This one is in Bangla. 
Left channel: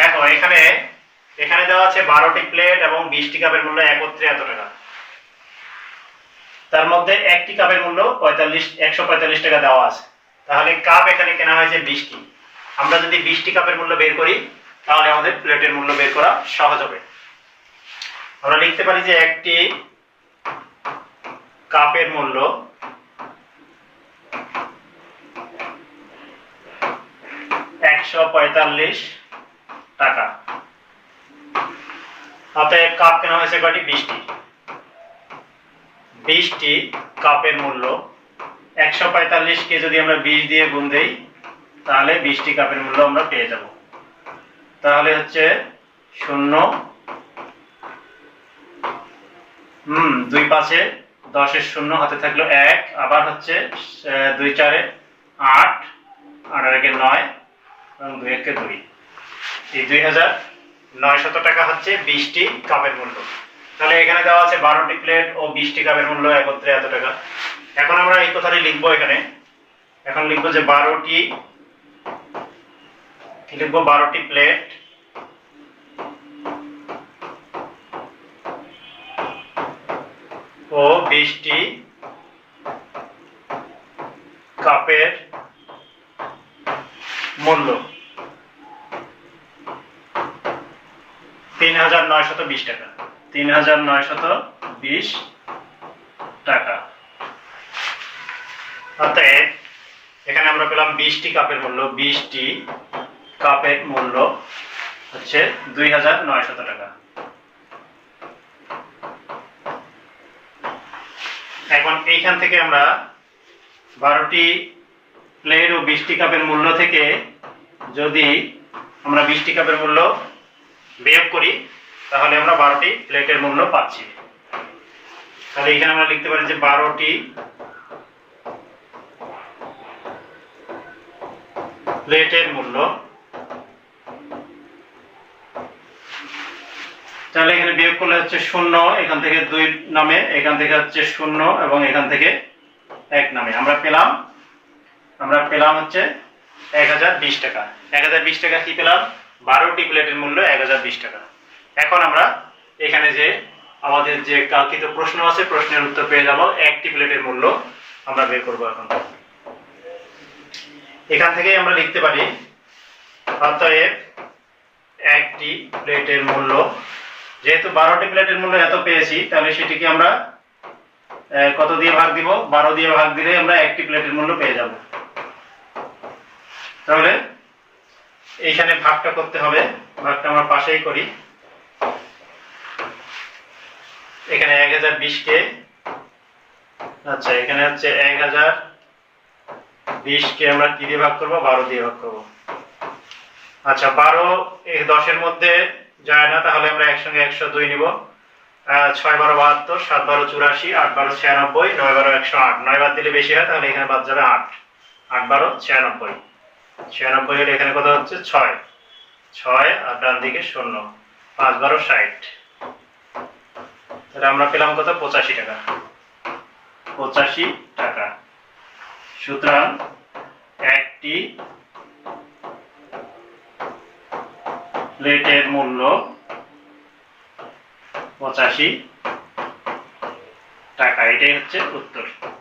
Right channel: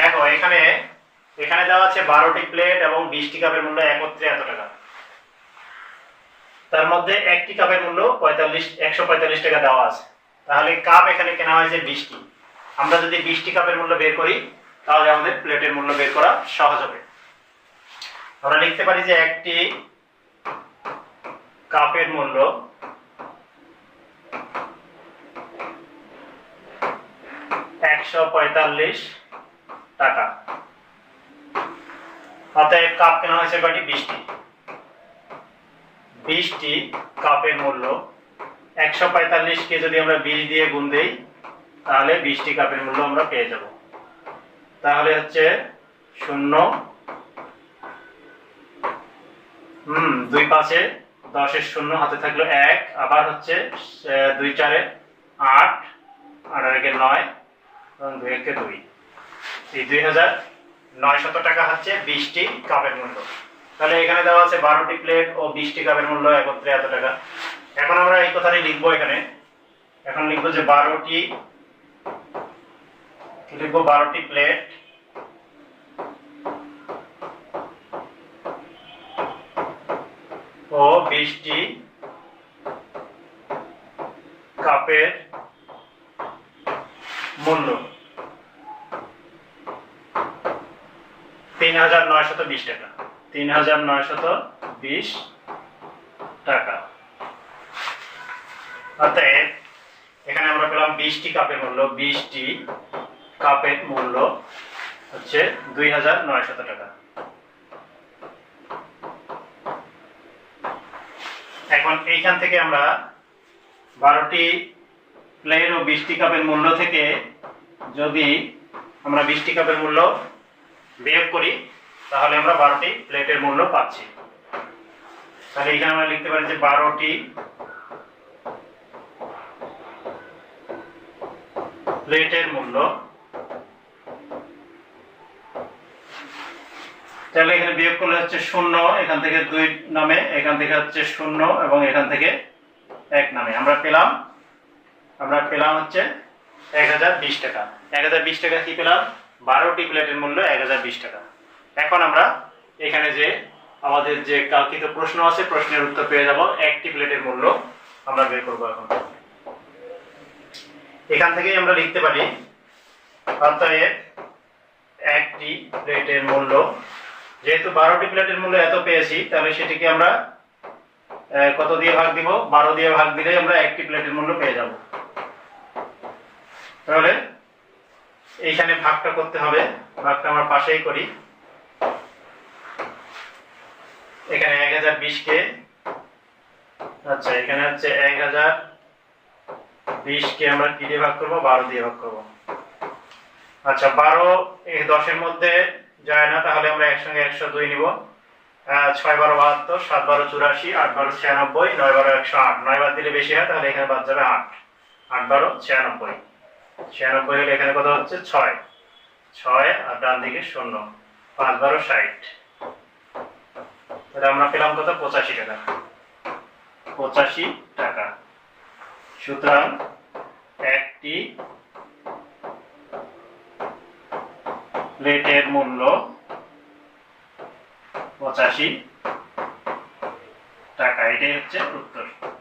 দেখো, এখানে এখানে দেওয়া আছে বারোটি প্লেট এবং বিশটি কাপের মূল্য একত্রে এত টাকা। তার মধ্যে একটি কাপের মূল্য পঁয়তাল্লিশ, একশো পঁয়তাল্লিশ টাকা দেওয়া আছে। তাহলে কাপ এখানে কেনা হয়েছে বিশটি। আমরা যদি বিশটি কাপের মূল্য বের করি, তাহলে আমাদের প্লেটের মূল্য বের করা সহজ হবে। আমরা লিখতে পারি যে একটি কাপের মূল্য একশো পঁয়তাল্লিশ টাকা। অতএব কাপ কেনা হয়েছে কয়টি? বিশটি। বিশটি কাপের মূল্য। একশো পঁয়তাল্লিশকে যদি আমরা বিশ দিয়ে গুণ দেই, তাহলে বিশটি কাপের মূল্য আমরা পেয়ে যাব। তাহলে হচ্ছে শূন্য। হুম, দুই পাশে দশের শূন্য হাতে থাকল এক, আবার হচ্ছে দুই চারে আট আট একে নয়, এবং দুই একে দুই। এই দুই হাজার টাকা হচ্ছে বিশটি কাপের মূল্য। তাহলে এখানে দেওয়া আছে বারোটি প্লেট ও বিশটি কাপের মূল্য একত্রে এত টাকা। এখন আমরা এই কথাটি লিখব এখানে। এখন লিখব যে বারোটি, লিখব বারোটি প্লেট। ও বিশটি কাপের মূল্য। তিন হাজার নয়শত বিশ টাকা। তিন হাজার নয়শত বিশ টাকা। অতএব, এখানে আমরা পেলাম বিশটি কাপের মূল্য। বিশটি কাপের মূল্য হচ্ছে দুই হাজার নয়শত টাকা। এখন এইখান থেকে আমরা বারোটি প্লেট ও বিশটি কাপের মূল্য থেকে যদি আমরা বিশটি কাপের মূল্য বিয়োগ করি, তাহলে আমরা বারোটি প্লেটের মূল্য পাচ্ছি। তাহলে এখানে আমরা লিখতে পারি যে বারোটি প্লেটের মূল্য। তাহলে এখানে বিয়োগ করলে হচ্ছে শূন্য, এখান থেকে দুই নামে, এখান থেকে হচ্ছে শূন্য এবং এখান থেকে এক নামে। আমরা পেলাম আমরা পেলাম হচ্ছে এক হাজার বিশ টাকা। এক হাজার বিশ টাকা কি পেলাম? বারোটি প্লেটের মূল্য এক হাজার বিশ টাকা। এখন আমরা এখানে যে আমাদের যে কাঙ্ক্ষিত প্রশ্ন আছে, প্রশ্নের উত্তর পেয়ে যাব। একটি প্লেটের মূল্য আমরা বের করব এখন। এখান থেকেই আমরা লিখতে পারি, অতএব একটি প্লেটের মূল্য। যেহেতু বারোটি প্লেটের মূল্য এত পেয়েছি, তাহলে সেটিকে আমরা কত দিয়ে ভাগ দিব? বারো দিয়ে ভাগ দিলে আমরা একটি প্লেটের মূল্য পেয়ে যাব। তাহলে এইখানে ভাগটা করতে হবে, ভাগটা আমরা পাশেই করি। এখানে এক হাজার বিশকে আচ্ছা এখানে হচ্ছে এক হাজার বিশকে আমরা কি দিয়ে ভাগ করব? বারো দিয়ে ভাগ করব। আচ্ছা বারো দশের মধ্যে যায় না, তাহলে আমরা একসঙ্গে একশো দুই নিব। ছয় বারো বাহাত্তর, সাত বারো চুরাশি, আট বারো ছিয়ানব্বই, নয় বারো একশো আট। নয় বাদ দিলে বেশি হয়, তাহলে এখানে বাদ যাবে আট। আট বারো ছিয়ানব্বই। ছিয়ানব্বই হলে এখানে কত হচ্ছে? ছয়। ছয় আর ডান দিকে শূন্য। পাঁচ বারো ষাট। তাহলে আমরা পেলাম কত? পঁচাশি টাকা। পঁচাশি টাকা। সুতরাং একটি প্লেটের মূল্য পঁচাশি টাকা। এটাই হচ্ছে উত্তর।